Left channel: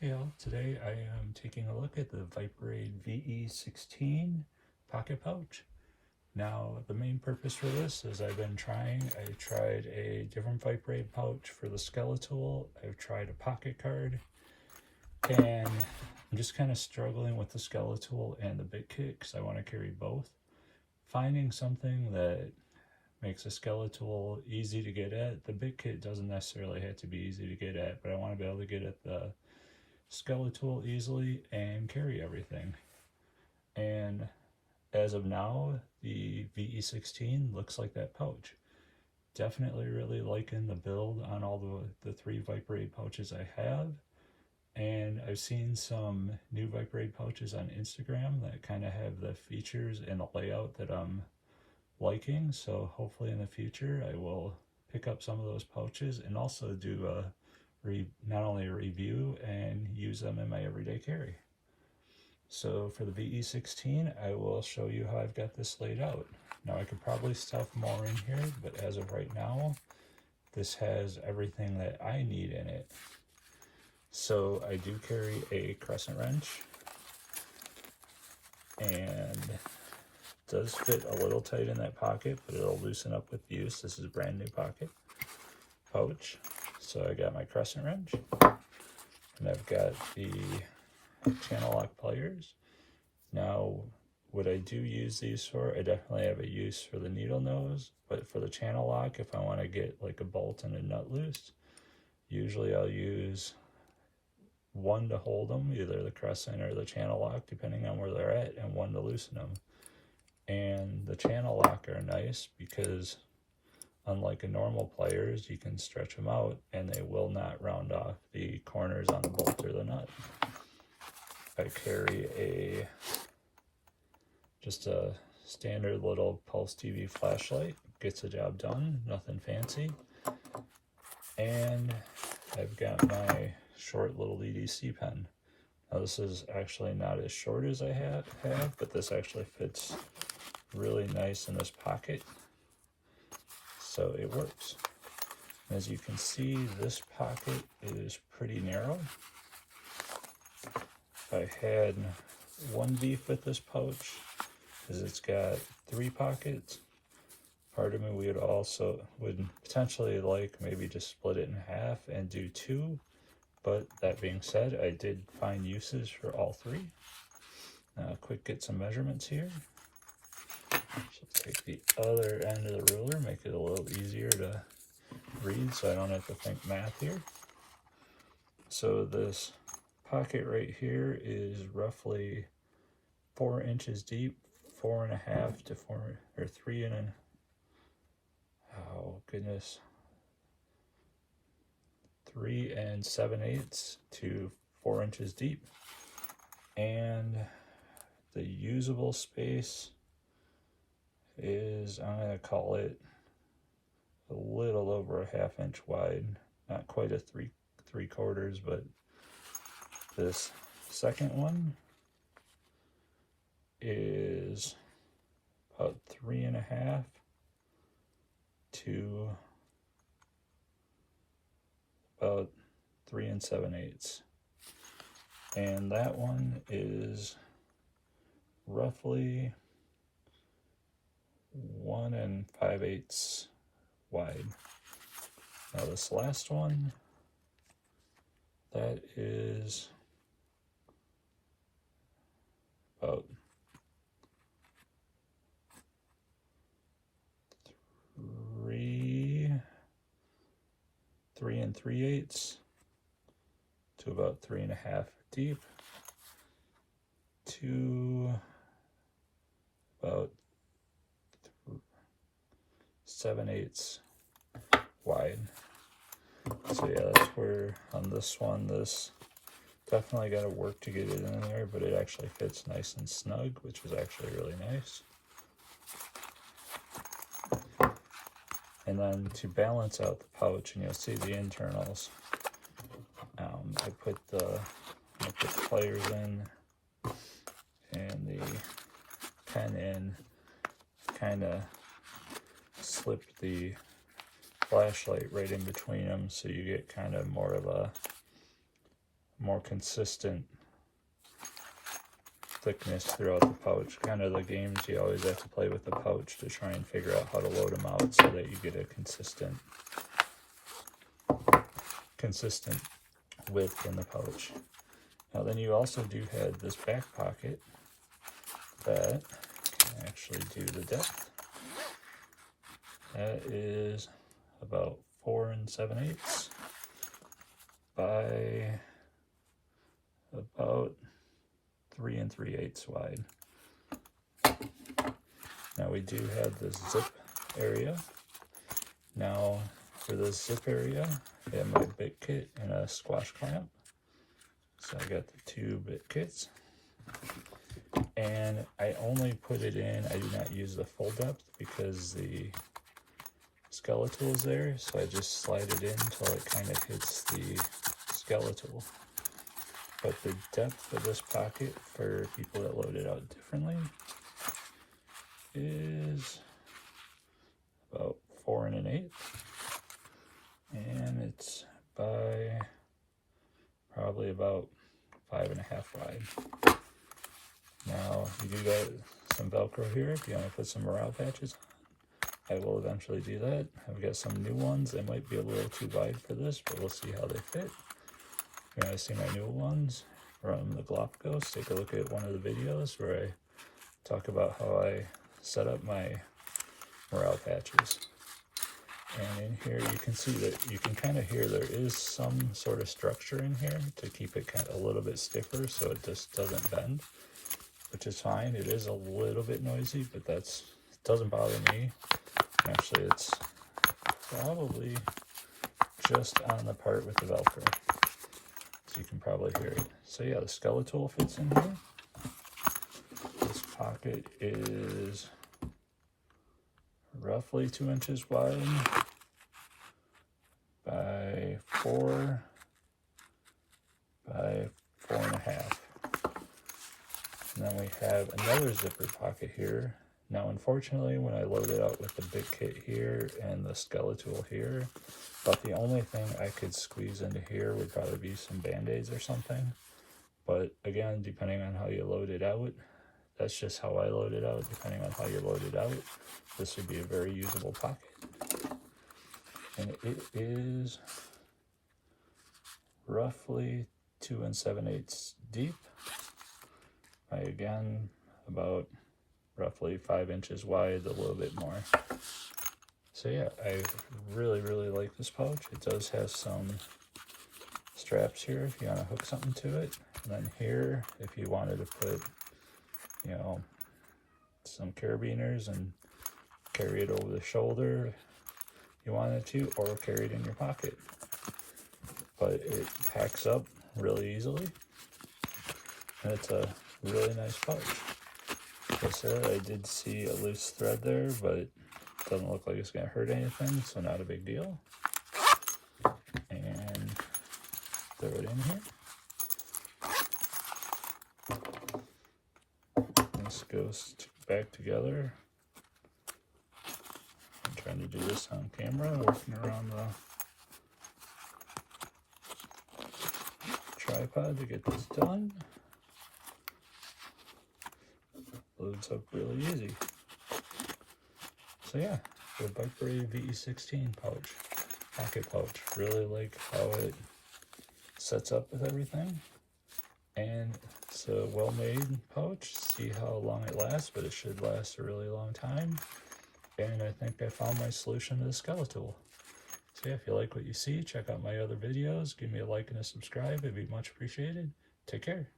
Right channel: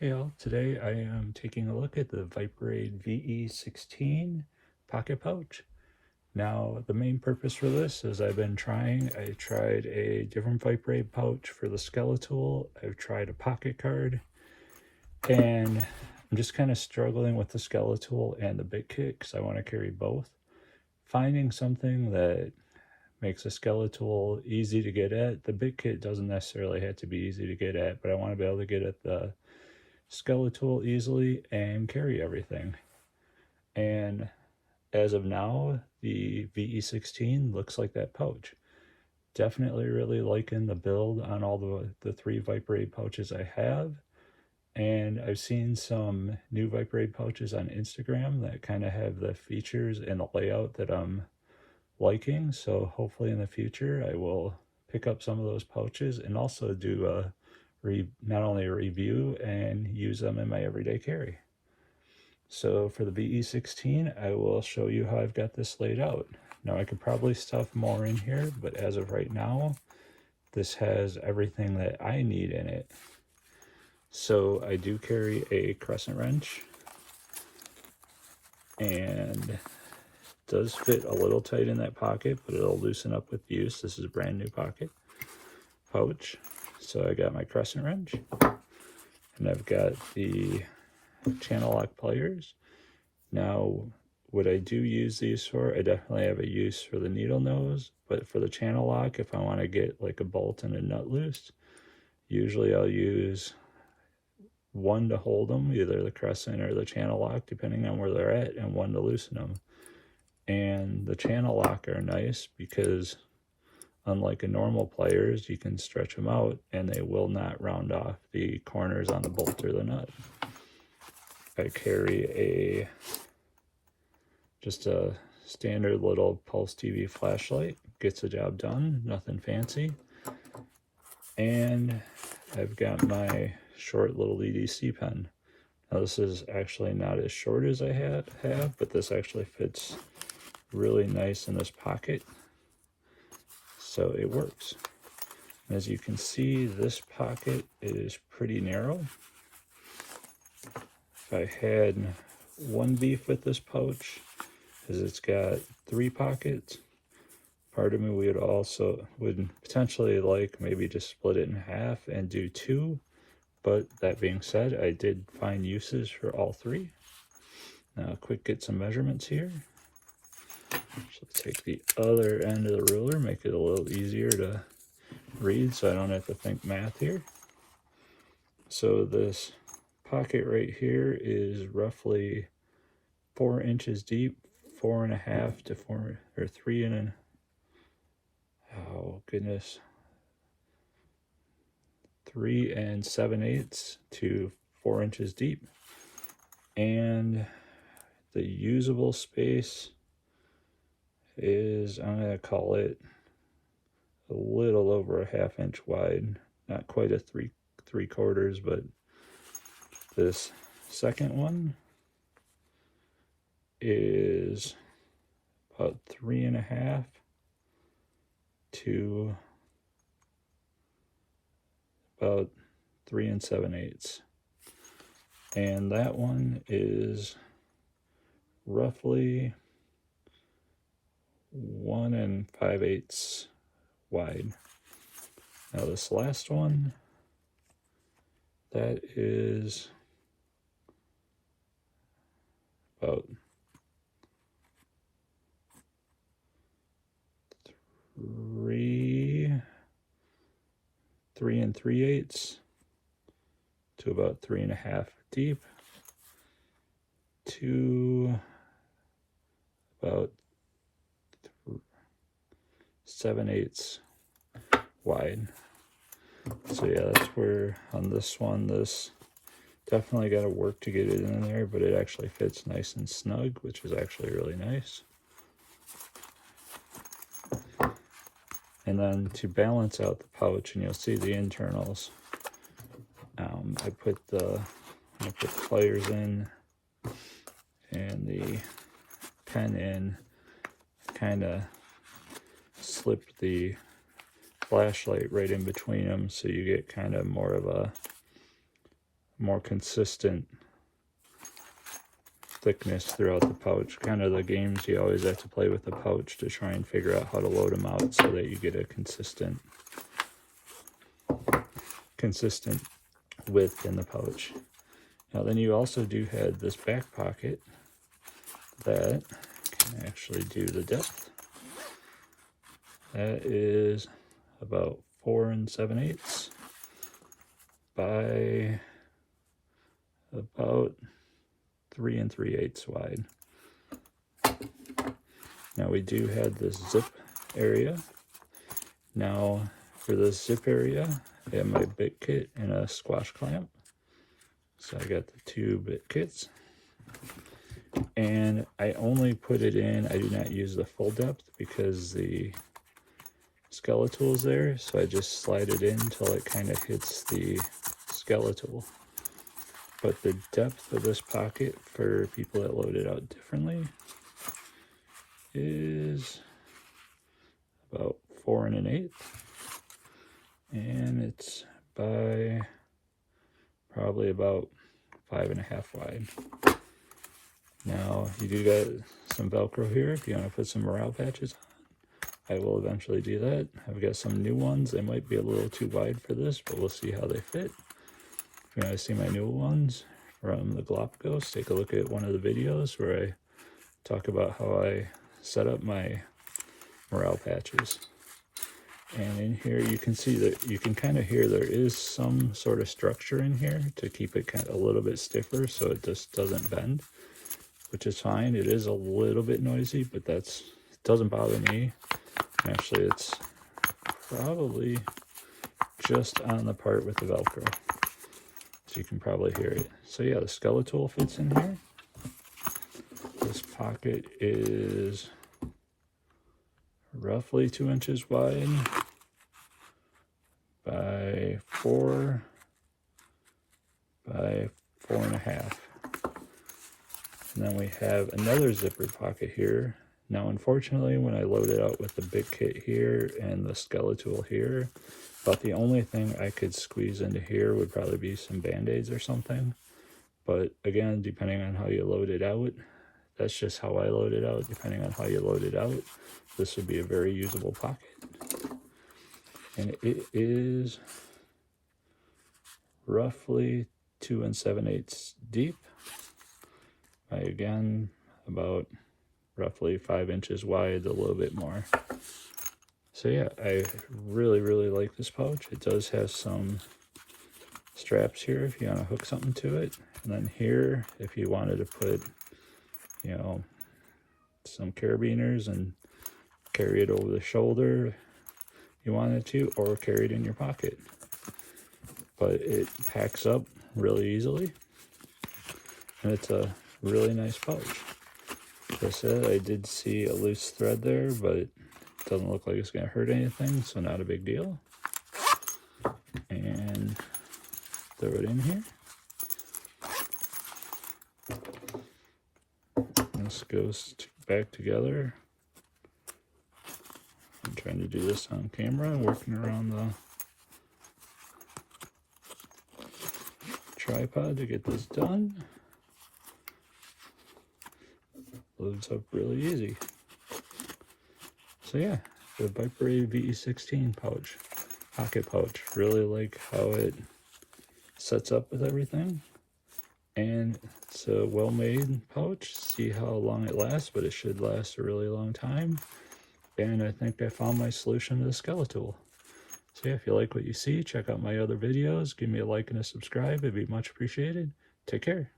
Hey all, today I am taking a look at the Viperade VE16 pocket pouch. Now the main purpose for this is I tried a different Viperade pouch for the Skeletool, I've tried a pocket card, and I'm just kind of struggling with the Skeletool and the bit kit because I want to carry both. Finding something that makes a Skeletool easy to get at. The bit kit doesn't necessarily have to be easy to get at, but I want to be able to get at the Skeletool easily and carry everything. And as of now, the VE16 looks like that pouch. Definitely really liking the build on all the three Viperade pouches I have. And I've seen some new Viperade pouches on Instagram that kind of have the features and the layout that I'm liking. So hopefully in the future I will pick up some of those pouches and also do not only a review and use them in my everyday carry. So for the VE16, I will show you how I've got this laid out. Now I could probably stuff more in here, but as of right now, this has everything that I need in it. So I do carry a crescent wrench, and it does fit a little tight in that pocket, but it'll loosen up with use. This is a brand new pocket pouch. So I got my crescent wrench, and I've got the channel lock pliers. Now, what I do use these for, I definitely have a use for the needle nose, but for the channel lock, if I want to get like a bolt and a nut loose, usually I'll use one to hold them, either the crescent or the channel lock, depending on where they're at, and one to loosen them. And the channel lock are nice because unlike a normal pliers, you can stretch them out and they will not round off the corners on the bolt or the nut. I carry just a standard little pulse TV flashlight, gets the job done, nothing fancy. And I've got my short little EDC pen. Now this is actually not as short as I have, but this actually fits really nice in this pocket. So it works. As you can see, this pocket is pretty narrow. If I had one beef with this pouch, is it's got 3 pockets. Part of me would potentially like maybe just split it in half and do 2. But that being said, I did find uses for all 3. Now quick get some measurements here. So take the other end of the ruler, make it a little easier to read so I don't have to think math here. So this pocket right here is roughly 4 inches deep, 4.5 to 4 or 3 and oh goodness, 3 7/8 to 4 inches deep. And the usable space is, I'm going to call it a little over a 1/2 inch wide, not quite a 3/4, but this second one is about 3.5 to about 3 7/8, and that one is roughly 1 5/8 wide. Now this last one, that is about 3 3/8 to about 3.5 deep to about 7/8 wide. So yeah, that's where on this one, this definitely got to work to get it in there, but it actually fits nice and snug, which is actually really nice. And then to balance out the pouch, and you'll see the internals, I put the pliers in and the pen in, kind of slipped the flashlight right in between them, so you get kind of more of a more consistent thickness throughout the pouch. Kind of the games you always have to play with the pouch to try and figure out how to load them out so that you get a consistent width in the pouch. Now then you also do have this back pocket that can actually do the depth. That is about 4 7/8 by about 3 3/8 wide. Now we do have this zip area. Now for the zip area, I have my bit kit and a squash clamp. So I got the 2 bit kits. And I only put it in, I do not use the full depth because the Skeletool is there, so I just slide it in until it kind of hits the Skeletool. But the depth of this pocket for people that load it out differently is about 4 1/8, and it's by probably about 5 1/2 wide. Now you do got some Velcro here if you want to put some morale patches on. I will eventually do that. I've got some new ones. They might be a little too wide for this, but we'll see how they fit. If you want to see my new ones from the Galapagos, take a look at one of the videos where I talk about how I set up my morale patches. And in here you can see that you can kind of hear there is some sort of structure in here to keep it kind of a little bit stiffer so it just doesn't bend, which is fine. It is a little bit noisy, but it doesn't bother me. Actually, it's probably just on the part with the Velcro, so you can probably hear it. So yeah, the Skeletool fits in here. This pocket is roughly 2 inches wide by 4 by 4 1/2. And then we have another zipper pocket here. Now, unfortunately, when I load it out with the bit kit here and the Skeletool here, about the only thing I could squeeze into here would probably be some Band-Aids or something. But again, depending on how you load it out, that's just how I load it out. Depending on how you load it out, this would be a very usable pocket. And it is roughly 2 7/8 deep. Again, about roughly 5 inches wide, a little bit more. So yeah, I really like this pouch. It does have some straps here if you want to hook something to it, and then here if you wanted to put, you know, some carabiners and carry it over the shoulder if you wanted to, or carry it in your pocket. But it packs up really easily, and it's a really nice pouch. Like I said, I did see a loose thread there, but it doesn't look like it's going to hurt anything, so not a big deal. And throw it in here. This goes back together. I'm trying to do this on camera, working around the tripod to get this done. Loads up really easy. So yeah, the Viperade VE16 pouch, pocket pouch. Really like how it sets up with everything. And it's a well-made pouch. See how long it lasts, but it should last a really long time. And I think I found my solution to the Skeletool. So yeah, if you like what you see, check out my other videos. Give me a like and a subscribe. It'd be much appreciated. Take care.